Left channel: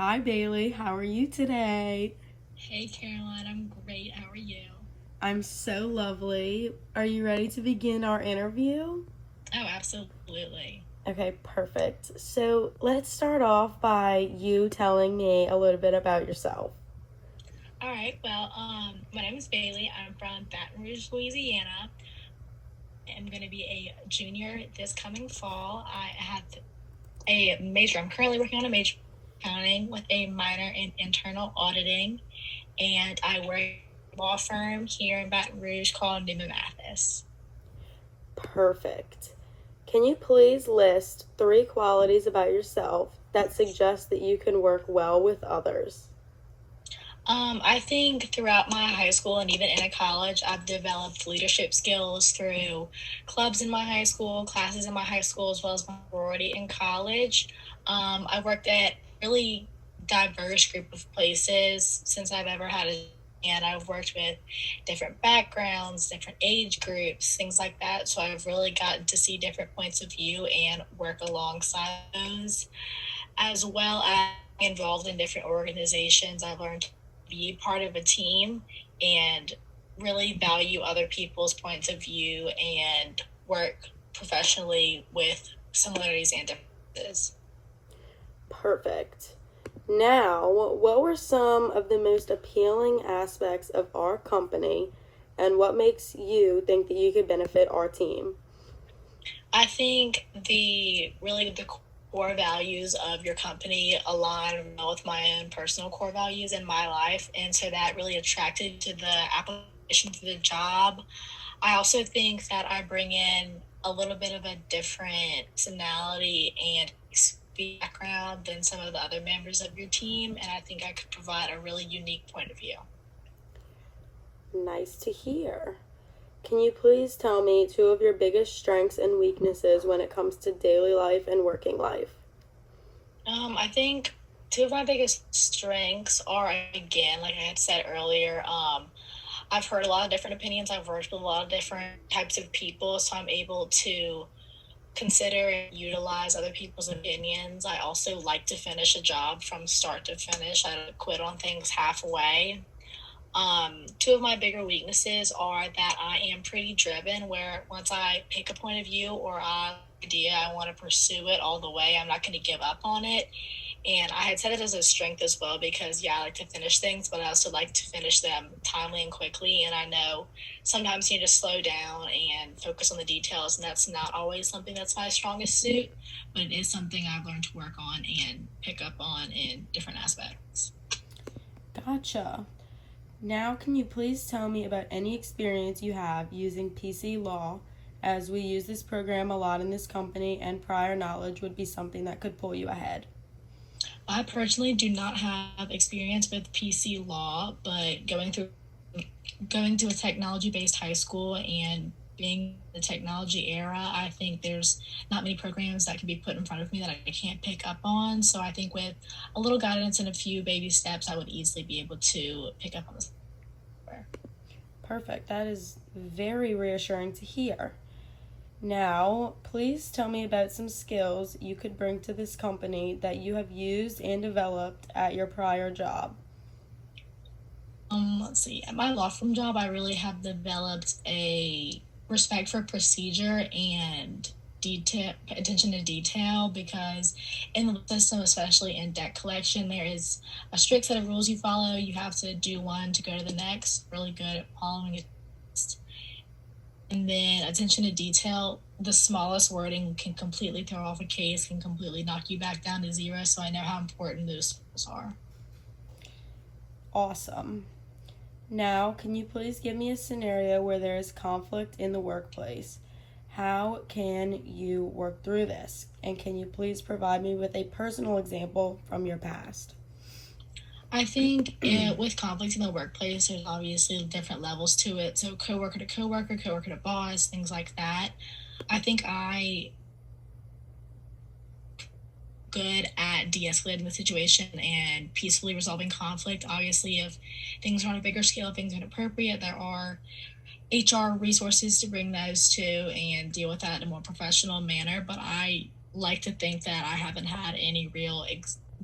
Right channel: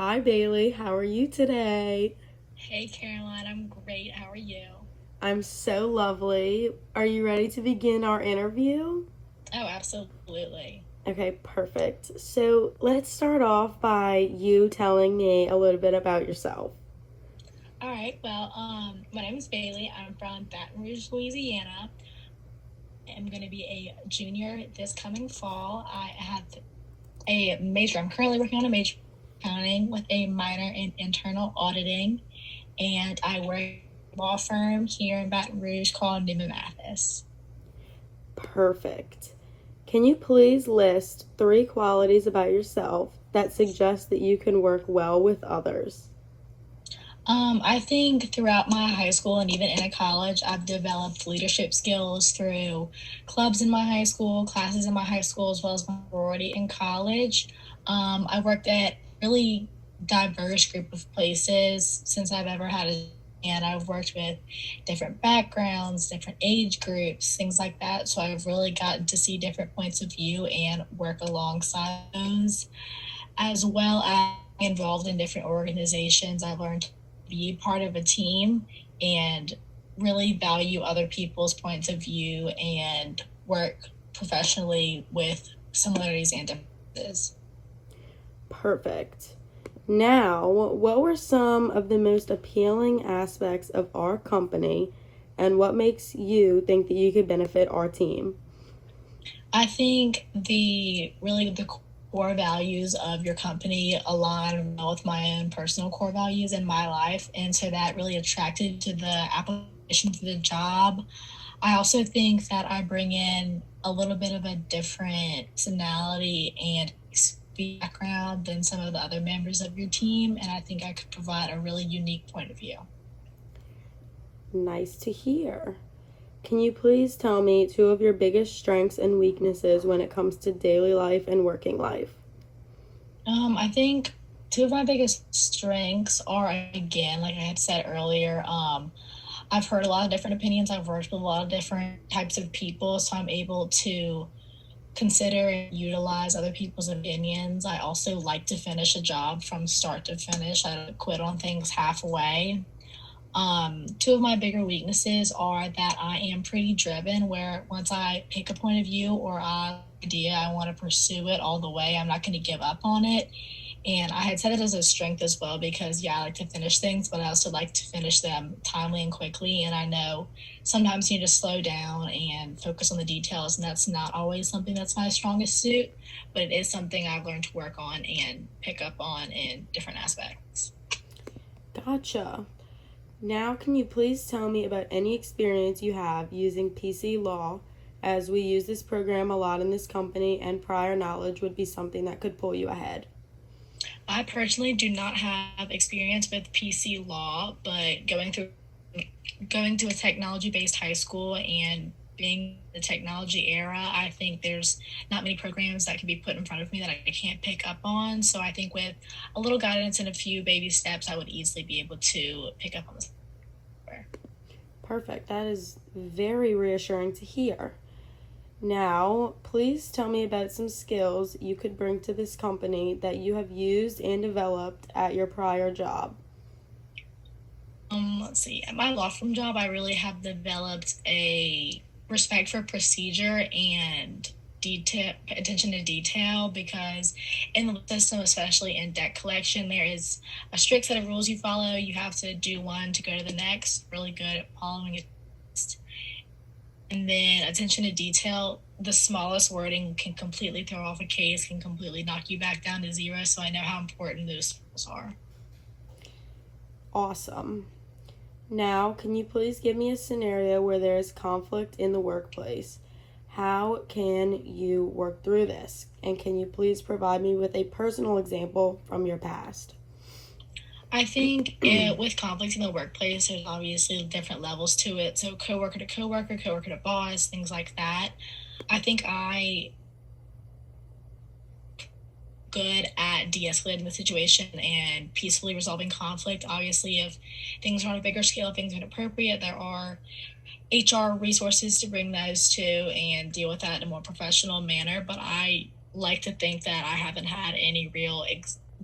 Hi, Bailey. How are you today? Hey Caroline, I'm great. How are you? I'm so lovely. Are you ready to begin our interview? Oh, absolutely. Okay, perfect. So let's start off by you telling me a little bit about yourself. All right. Well, my name is Bailey. I'm from Baton Rouge, Louisiana. I'm going to be a junior this coming fall. I have a major. I'm currently working on a major in accounting with a minor in internal auditing, and I work at a law firm here in Baton Rouge called Newman Mathis. Perfect. Can you please list three qualities about yourself that suggest that you can work well with others? I think throughout my high school and even in college, I've developed leadership skills through clubs in my high school, classes in my high school, as well as my sorority in college. I worked at really diverse group of places since I've ever had a and I've worked with different backgrounds, different age groups, things like that. So I've really gotten to see different points of view and work alongside those, as well as involved in different organizations. I've learned to be part of a team and really value other people's points of view and work professionally with similarities and differences. Perfect. Now, what were some of the most appealing aspects of our company and what makes you think that you could benefit our team? I think the core values of your company align well with my own personal core values in my life, and so that really attracted to the application for the job. I also think that I bring in a little bit of a different personality and background than some of the other members of your team, and I think I could provide a really unique point of view. Nice to hear. Can you please tell me two of your biggest strengths and weaknesses when it comes to daily life and working life? I think two of my biggest strengths are, again, like I had said earlier, I've heard a lot of different opinions. I've worked with a lot of different types of people, so I'm able to consider and utilize other people's opinions. I also like to finish a job from start to finish. I don't quit on things halfway. Two of my bigger weaknesses are that I am pretty driven, where once I pick a point of view or an idea, I want to pursue it all the way. I'm not going to give up on it. And I had said it as a strength as well because, yeah, I like to finish things, but I also like to finish them timely and quickly. And I know sometimes you need to slow down and focus on the details, and that's not always something that's my strongest suit, but it is something I've learned to work on and pick up on in different aspects. Gotcha. Now, can you please tell me about any experience you have using PC Law, as we use this program a lot in this company, and prior knowledge would be something that could pull you ahead? I personally do not have experience with PC law, but going to a technology based high school and being the technology era, I think there's not many programs that can be put in front of me that I can't pick up on. So I think with a little guidance and a few baby steps, I would easily be able to pick up on this. Perfect. That is very reassuring to hear. Now, please tell me about some skills you could bring to this company that you have used and developed at your prior job. Let's see. At my law firm job, I really have developed a respect for procedure and detail, attention to detail, because in the system, especially in debt collection, there is a strict set of rules you follow. You have to do one to go to the next. Really good at following it. And then attention to detail, the smallest wording can completely throw off a case, can completely knock you back down to zero. So I know how important those rules are. Awesome. Now, can you please give me a scenario where there is conflict in the workplace? How can you work through this? And can you please provide me with a personal example from your past? I think with conflict in the workplace, there's obviously different levels to it. So coworker to coworker, coworker to boss, things like that. I think I good at de-escalating the situation and peacefully resolving conflict. Obviously, if things are on a bigger scale, things are inappropriate, there are HR resources to bring those to and deal with that in a more professional manner. But I like to think that I haven't had any real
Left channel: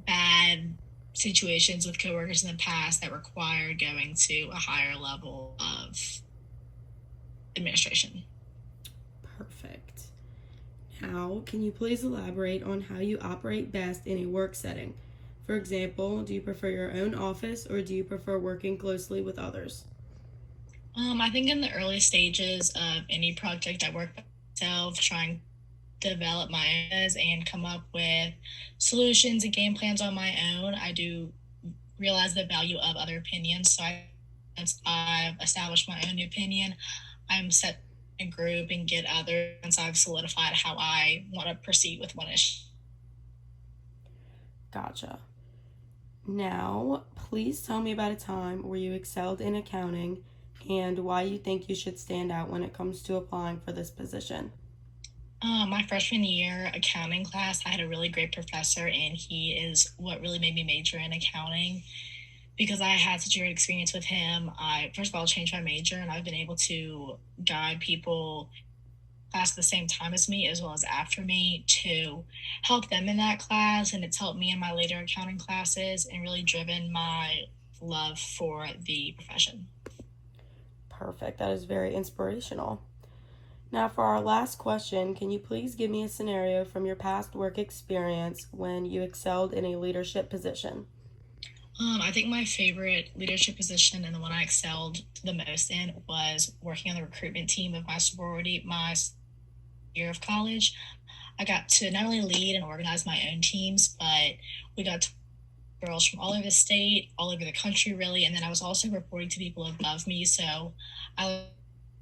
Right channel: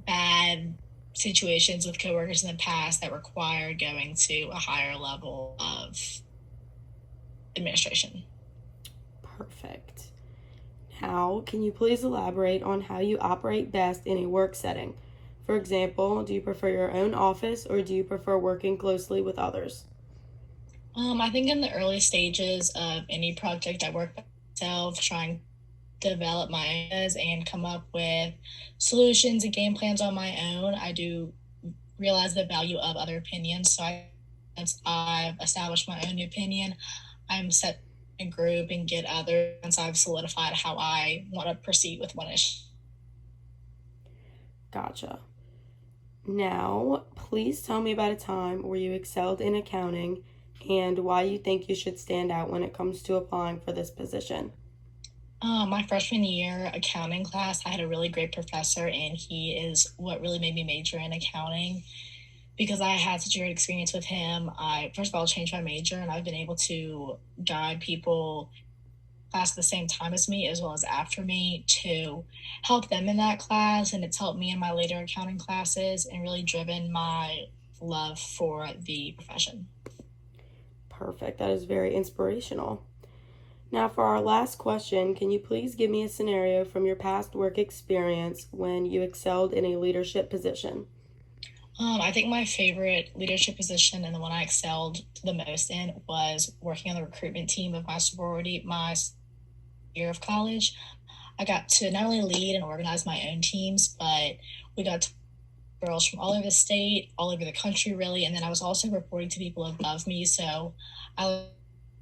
bad situations with coworkers in the past that required going to a higher level of administration. Perfect. Now, can you please elaborate on how you operate best in a work setting? For example, do you prefer your own office or do you prefer working closely with others? I think in the early stages of any project, I work by myself, trying to develop my ideas and come up with solutions and game plans on my own. I do realize the value of other opinions, so once I've established my own opinion, I'm set in a group and get others once I've solidified how I want to proceed with one issue. Gotcha. Now, please tell me about a time where you excelled in accounting and why you think you should stand out when it comes to applying for this position. My freshman year accounting class, I had a really great professor, and he is what really made me major in accounting because I had such a great experience with him. I first of all changed my major, and I've been able to guide people class at the same time as me as well as after me to help them in that class, and it's helped me in my later accounting classes and really driven my love for the profession. Perfect. That is very inspirational. Now, for our last question, can you please give me a scenario from your past work experience when you excelled in a leadership position? I think my favorite leadership position and the one I excelled the most in was working on the recruitment team of my sorority my year of college. I got to not only lead and organize my own teams, but we got to girls from all over the state, all over the country, really. And then I was also reporting to people above me. So I like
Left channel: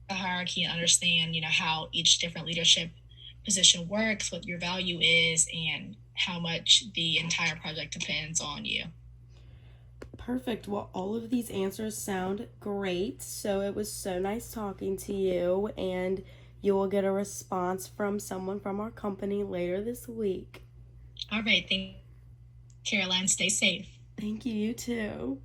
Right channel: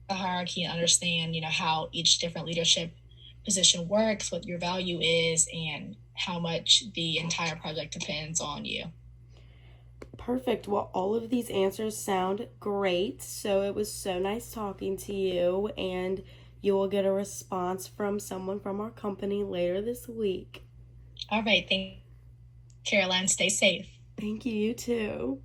the hierarchy and understand, how each different leadership position works, what your value is, and how much the entire project depends on you. Perfect. Well, all of these answers sound great. So it was so nice talking to you, and you will get a response from someone from our company later this week. All right. Thank you, Caroline. Stay safe. Thank you, you too.